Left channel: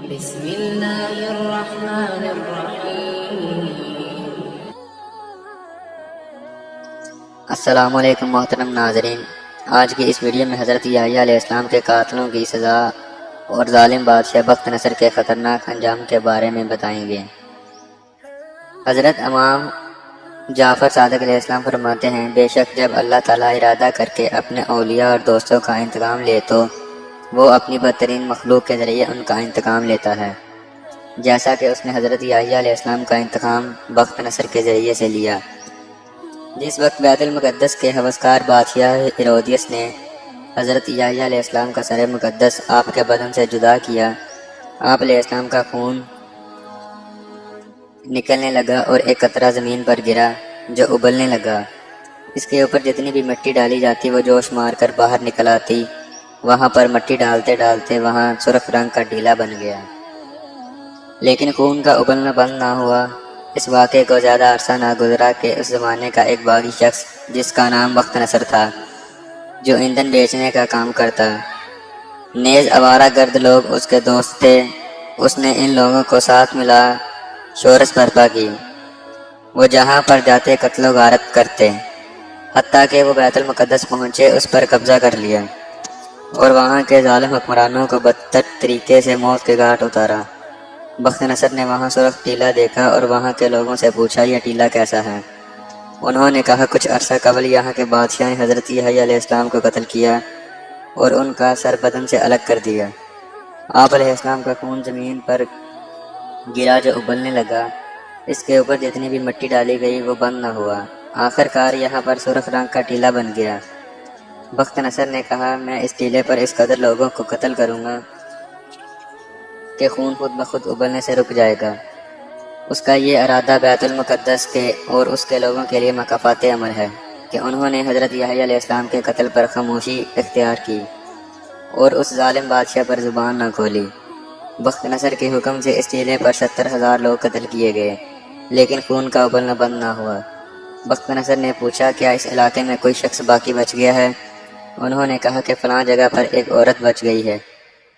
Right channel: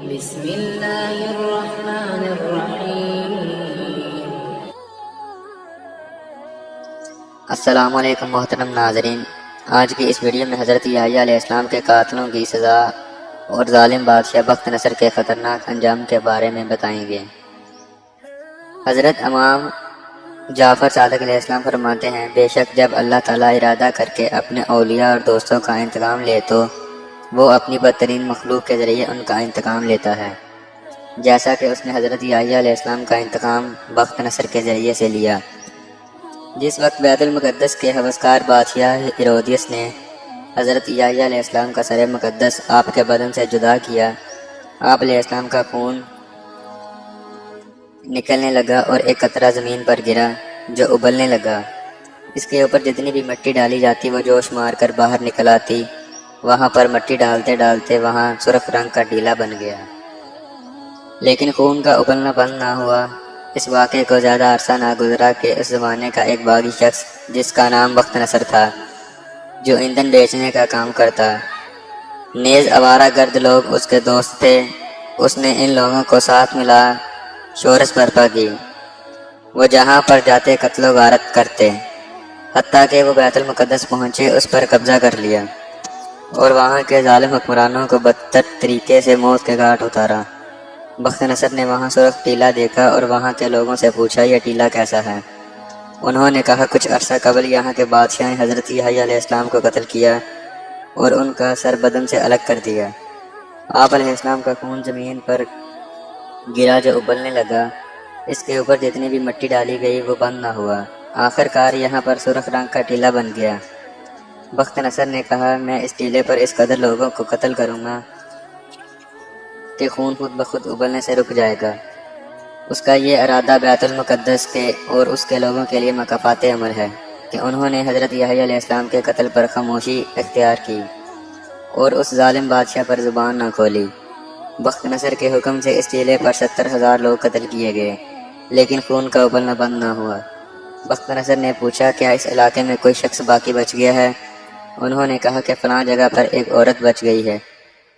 بسم اللہ الرحمن الرحیم۔ السلام علیکم محترم ناظرین، آج کی اس ویڈیو میں حضرت یحییٰ علیہ السلام کے قاتلوں کی سزا اور ظالم بادشاہ بخت نصر کے خطرناک انجام کے بارے میں بتائیں گے۔ حضرت امام جعفر صادق علیہ السلام فرماتے ہیں، بے شک جب اللہ تعالیٰ ارادہ کر کے اپنے اولیاء اور دوستوں کا انتقام لے تو وہ اپنی بدترین مخلوق کے ذریعے ان کا انتقام لیتا ہے، جیسا کہ اس نے حضرت یحییٰ علیہ السلام کا انتقام بخت نصر کے ذریعے سے لیا۔ جس وقت بیت المقدس کے ہوسکار بادشاہ ہیرودیس نے حضرت یحییٰ علیہ السلام کا سر مقدس آپ کے بدن سے جدا کیا، آپ علیہ السلام کا خون نکلنے لگا اور ایک قطرہ زمین پر گرا جو ابلنے لگا۔ اس کے اوپر جتنی بھی مٹی ڈالی جاتی وہ جوش مار کر باہر نکل آتی۔ وہاں پر مٹی ڈالتے ڈالتے وہاں سرخ رنگ کا ٹیلا بن گیا، لیکن خون کا ابلنا بند نہ ہوا۔ اس واقعے کو زیادہ عرصہ نہ گزرا کہ اس زمانے کا ایک باغی شخص جس کا نام بخت نصر تھا، جو ایندھن بیچنے کا کام کرتا، نیز آوارہ گرد لوگ اس کے دوست تھے، اس نے ان لوگوں کو ساتھ ملا شورش برپا کی۔ وہ جہاں پر جاتے قتل و غارت کرتے، حتیٰ کہ وہ بیت المقدس پہنچے اس پر قبضہ کر لیا اور وہاں کے ظالم حکمرانوں کو بدتر طریقے سے موت کے گھاٹ اتارا۔ بخت نصر نے وہاں سرخ ٹیلا دیکھا اور وہاں کے لوگوں سے پوچھا، یہ ٹیلا کیسا ہے؟ انہوں نے کہا، کچھ عرصہ قبل یہاں کے بادشاہ نے حضرت یحییٰ علیہ السلام کو قتل کیا اور ان کا سر بدن سے الگ کر دیا۔ آپ علیہ السلام کا خون زمین پر گرا جو ابلنے لگا، اس کے اوپر جتنی بھی مٹی ڈالی گئی وہ بند نہ ہوا، آخر کار یہاں پر سرخ رنگ کا ٹیلا بن گیا۔ بخت نصر نے کہا، میں اس ٹیلے پر اس قدر لوگوں کو قتل کروں گا کہ خون خود بخود ابلنے سے رک جائے گا۔ اس کا یہ ارادہ بیت المقدس کے اور اس کے لوگوں کے لیے مکافات عمل ہے کہ انہوں نے حضرت یحییٰ علیہ السلام کے قتل پر خاموشی اختیار کی اور اس ظالم بادشاہ پر زبان نہ کھولی۔ بخت نصر کے حکم سے اس ٹیلے پر 70,000 لوگ قتل کیے گئے، لیکن خون کا ابلنا بند نہ ہوا۔ بخت نصر نے پوچھا، کیا اس علاقے میں کوئی شخص باقی بچ گیا ہے؟ انہوں نے کہا کہ فلاں جگہ پر ایک عورت بچ گئی ہے،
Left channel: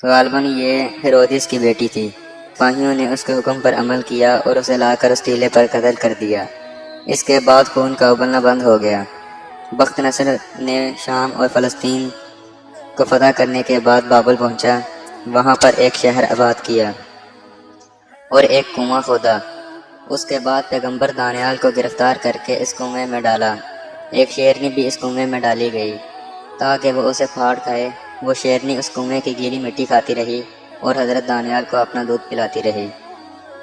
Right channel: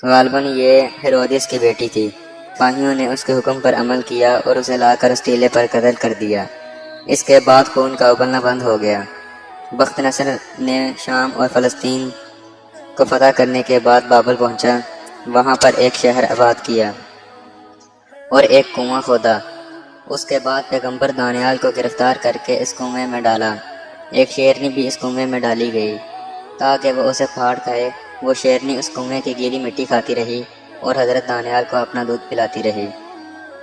غالباً یہ ہیرودیس کی بیٹی تھی۔ سپاہیوں نے اس کے حکم پر عمل کیا اور اسے لا کر اس ٹیلے پر قتل کر دیا۔ اس کے بعد خون کا ابلنا بند ہو گیا۔ بخت نصر نے شام اور فلسطین کو فتح کرنے کے بعد بابل پہنچا، وہاں پر ایک شہر آباد کیا اور ایک کنواں کھودا۔ اس کے بعد پیغمبر دانیال کو گرفتار کر کے اس کنویں میں ڈالا۔ ایک شیرنی بھی اس کنویں میں ڈالی گئی تاکہ وہ اسے پھاڑ کھائے۔ وہ شیرنی اس کنویں کی گیلی مٹی کھاتی رہی اور حضرت دانیال کو اپنا دودھ پلاتی رہی۔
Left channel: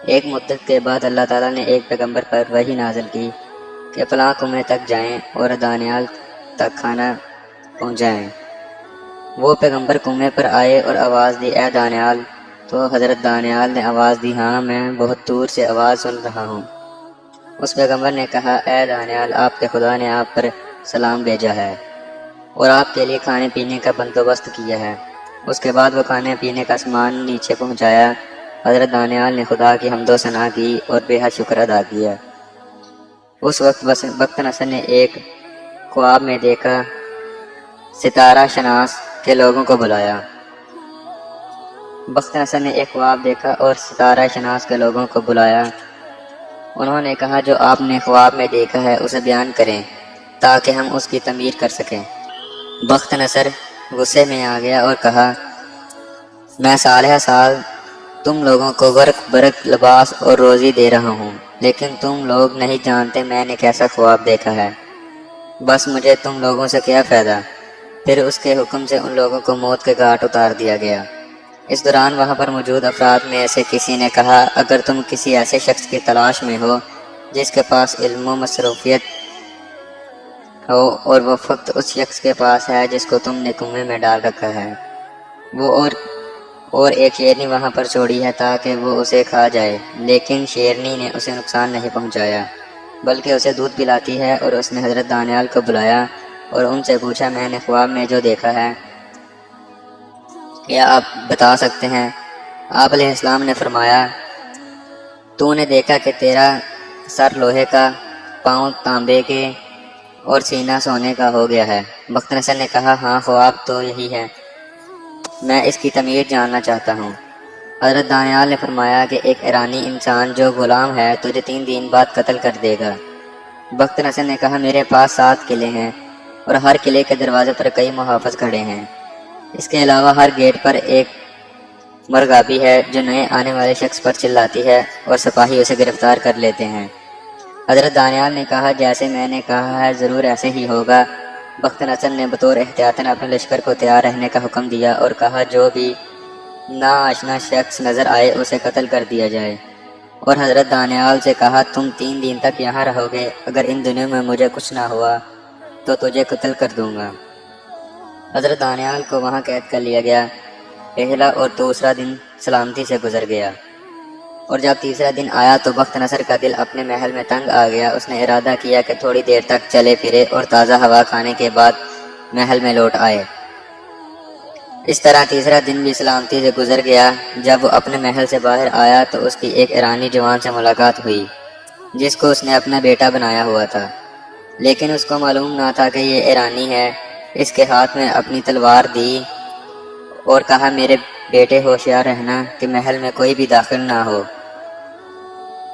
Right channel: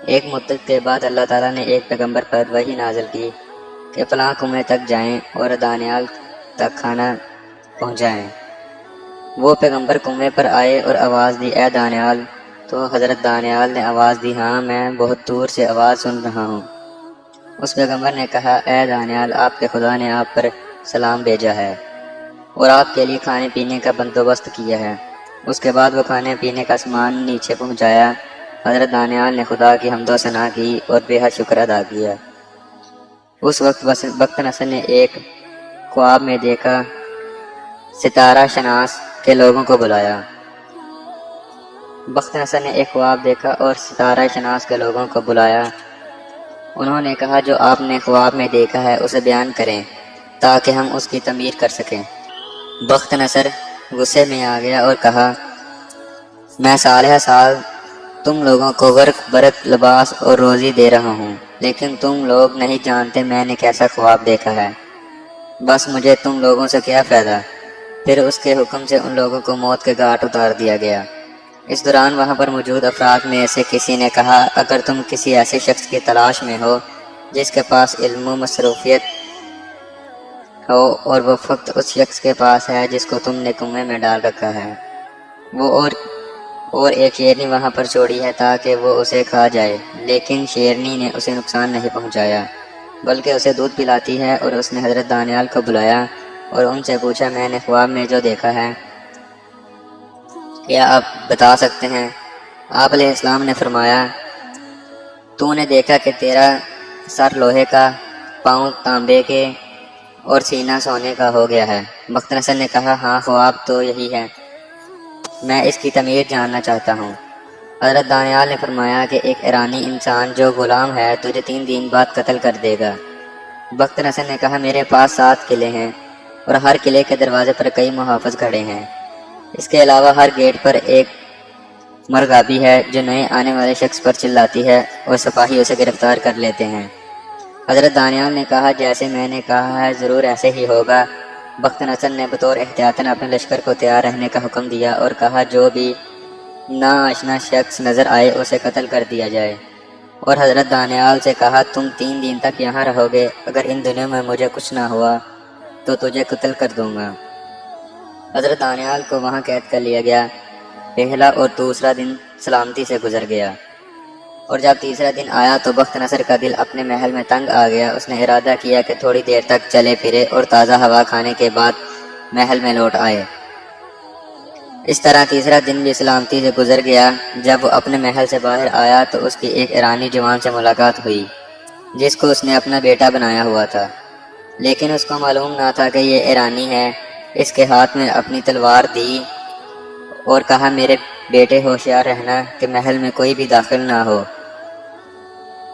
ایک مدت کے بعد اللہ تعالیٰ نے ایک پیغمبر پر وحی نازل کی کہ فلاں کنویں تک جائیں اور دانیال تک کھانا پہنچائیں۔ وہ پیغمبر کنویں پر آئے اور آواز دی، اے دانیال! تو حضرت دانیال نے آواز دی، ہاں میں بہت دور سے آواز سن رہا ہوں۔ اس پیغمبر نے کہا، اے دانیال، آپ کے خدا نے آپ پر سلام بھیجا ہے اور آپ کے لیے کھانے پینے کا بندوبست کیا ہے۔ اس کے بعد وہ کھانے پینے کا سامان نیچے پہنچایا۔ حضرت دانیال نے خدا کی حمد و ثنا کی اور بے حد شکر ادا کیا۔ اس وقت بخت نصر نے ایک خواب میں دیکھا، ستارہ شناس کے لوگوں کو بلایا۔ بخت نصر نے ایک خواب دیکھا اور ستارہ شناس کے لوگوں کو بلایا۔ انہوں نے کہا، جو آپ نے خواب میں دیکھا ہے اسے بیان کریں تاکہ ہم اس کی تعمیر کر سکیں۔ بخت نصر غصے میں آ گیا اور کہا، میں سالہ سال تم لوگوں کو ورق برق لباس اور روزی دے رہا ہوں، لیکن تم لوگ نہیں جانتے میں نے کیسا خواب دیکھا ہے۔ بس مجھے تم لوگوں سے کیا فائدہ؟ پھر اس کے حکم سے ان لوگوں کو موت کے گھاٹ اتار دیا گیا۔ اس دوران وہاں پر موجود افراد میں سے کسی نے کہا، اگر تم کسی ایسے شخص کی تلاش میں ہو جس کے پاس علم و مصروفیت ہو اور وہ فقط اس شخص کے پاس ہے جس کو تم نے کنویں میں ڈال رکھا ہے، وہ اور ایک شیرنی وہاں پر چھوڑی ہے تاکہ وہ اسے کھا جائے، لیکن شیرنی نے اسے نقصان نہیں پہنچایا بلکہ اسے دودھ پلاتی ہے۔ اور اس نے حضرت دانیال کو بلایا اور ان سے پوچھا، میں نے خواب میں جو دیکھا ہے کیا آپ بتا سکتے ہیں؟ آپ علیہ السلام نے فرمایا، تو نے دیکھا کہ تیرا سر لوہے کا، پاؤں تانبے کے اور سینہ سونے کا ہو گیا ہے۔ بخت نصر نے کہا، ہاں خواب تو یہی ہے، میں اس کی تعمیر جاننا چاہتا ہوں۔ حضرت دانیال نے فرمایا کہ ایک ایرانی انسان جو غلام ہے تجھے 3 دن بعد قتل کر دے گا۔ بخت نصر نے کہا میرے پاس 7 قلعے ہیں اور ہر قلعے کے دروازے پر کئی محافظ کھڑے ہیں، اس کے علاوہ ہر گیٹ پر ایک مرغابی ہے جو نئے آنے والے شخص پر چلاتی ہے اور سپاہی اسے گرفتار کر لیتے ہیں۔ حضرت دانیال نے کہا جیسے میں نے کہا ہے ضرور ایسے ہی ہوگا۔ بخت نصر نے بطور احتیاطاً اپنے لشکر کو تیار رہنے کا حکم دیا اور کہا جو بھی ناآشنا شخص نظر آئے اسے قتل کر دیا جائے، اور حضرت دانیال سے کہا تم 3 دن تک یہاں رہو گے، اگر ان دنوں میں مجھے کچھ نہ ہوا تو تجھے قتل کر دوں گا۔ حضرت دانیال کو وہاں قید کر لیا گیا۔ پہلا اور دوسرا دن سلامتی سے گزر گیا، اور جب تیسرا دن آیا تو بخت نصر کا دل اپنے محل میں تنگ آ گیا۔ اس نے ارادہ کیا کہ تھوڑی دیر تک چلے پھرے اور تازہ ہوا کھانے کے بعد محل میں لوٹ آئے۔ اس طرح تیسرا دن بھی سلامتی سے گزر گیا۔ جب وہ اپنے محل سے باہر آیا تو اس کی ایک ایرانی جوان سے ملاقات ہوئی جس کو اس نے اپنا بیٹا بنایا ہوا تھا، لیکن اس کو معلوم نہ تھا کہ یہ ایرانی ہے۔ اس کے ہاتھ میں اپنی تلوار دی اور کہا میرے بیٹے ہوشیار رہنا کہ محل میں کوئی بھی داخل نہ ہو،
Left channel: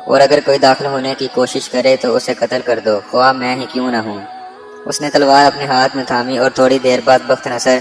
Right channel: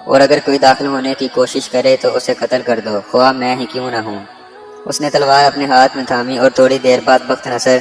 اور اگر کوئی داخل ہونے کی کوشش کرے تو اسے قتل کر دو، خواہ میں ہی کیوں نہ ہوں۔ اس نے تلوار اپنے ہاتھ میں تھامی اور تھوڑی دیر بعد بخت نصر